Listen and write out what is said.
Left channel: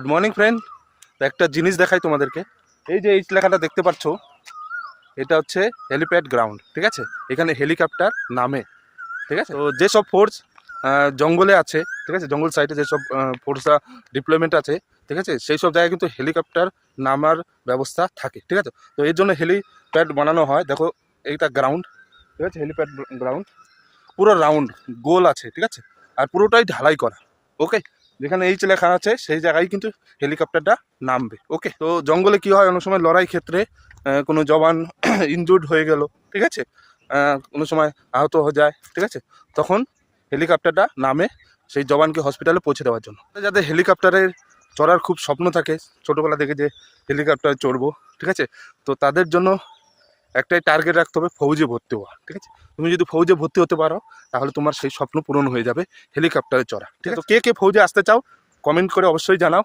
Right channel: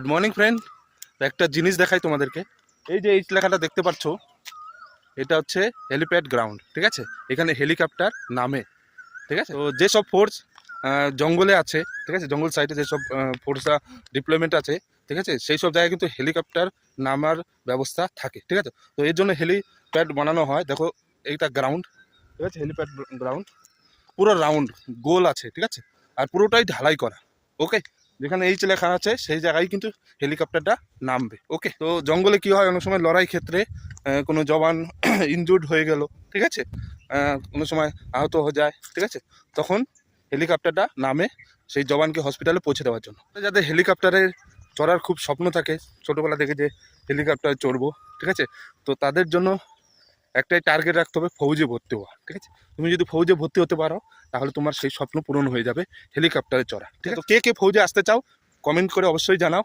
Good morning friend, একটা জিনিস দেখাই তোমাদেরকে। এই যে এই লেখাটা দেখতে পাচ্ছ, এটা হচ্ছে হেলিপ্যাড গ্রাউন্ড। ঠিক আছে, এখানে হেলিকপ্টার নামে। ঠিক আছে, তো যেসব ফোর্স জঙ্গলে আছে, ঠিক আছে, জঙ্গল সাইডে যেসব ফোর্সরা ডিপ্লয়মেন্ট আছে, ঠিক আছে, সেই সব জায়গায় কিন্তু হেলিকপ্টার নামার ব্যবস্থা থাকে। ঠিক আছে, তো এই জন্য হেলিপ্যাড বানানো হয়। দেখো এইটা গ্রাউন্ড, ঠিক আছে, হেলিপ্যাড গ্রাউন্ড পুরো রাউন্ড গোল আছে। ঠিক আছে, আর পুরোটাই ঢালাই করা। ওকে, যেখানে এইচ লেখা আছে সেই জায়গায় কিন্তু হেলিকপ্টারটা নামবে। ওকে, তো জঙ্গলে কি হয়, অনেক সময় লড়াই ক্ষেত্রে কোনো জওয়ান ইনজুর্ড হয়ে গেল, ঠিক আছে, কোনো সময় আহত হয়ে যায়, ঠিক আছে, তখন হেলিকপ্টারটা নামে সেই জওয়ানকে হসপিটালে পৌঁছে দেওয়ার জন্য। যাদের হেলিকপ্টারে চড়ার খুব স্বপ্ন থাকে ছোটোবেলা থেকে যে হেলিকপ্টারে চড়বো, ঠিক আছে, তো তাদের জন্য একটাই টার্গেট রাখতে হবে, ফৌজে ভর্তি হওয়া। ঠিক আছে, তুমি যদি ফৌজে ভর্তি হতে পারো তাহলে তোমার সেই স্বপ্ন পূরণ হয়ে যাবে, হেলিকপ্টারে চড়া। ঠিক আছে, তো কে কে ফৌজে আসতে চাও কমেন্ট করে অবশ্যই জানাও।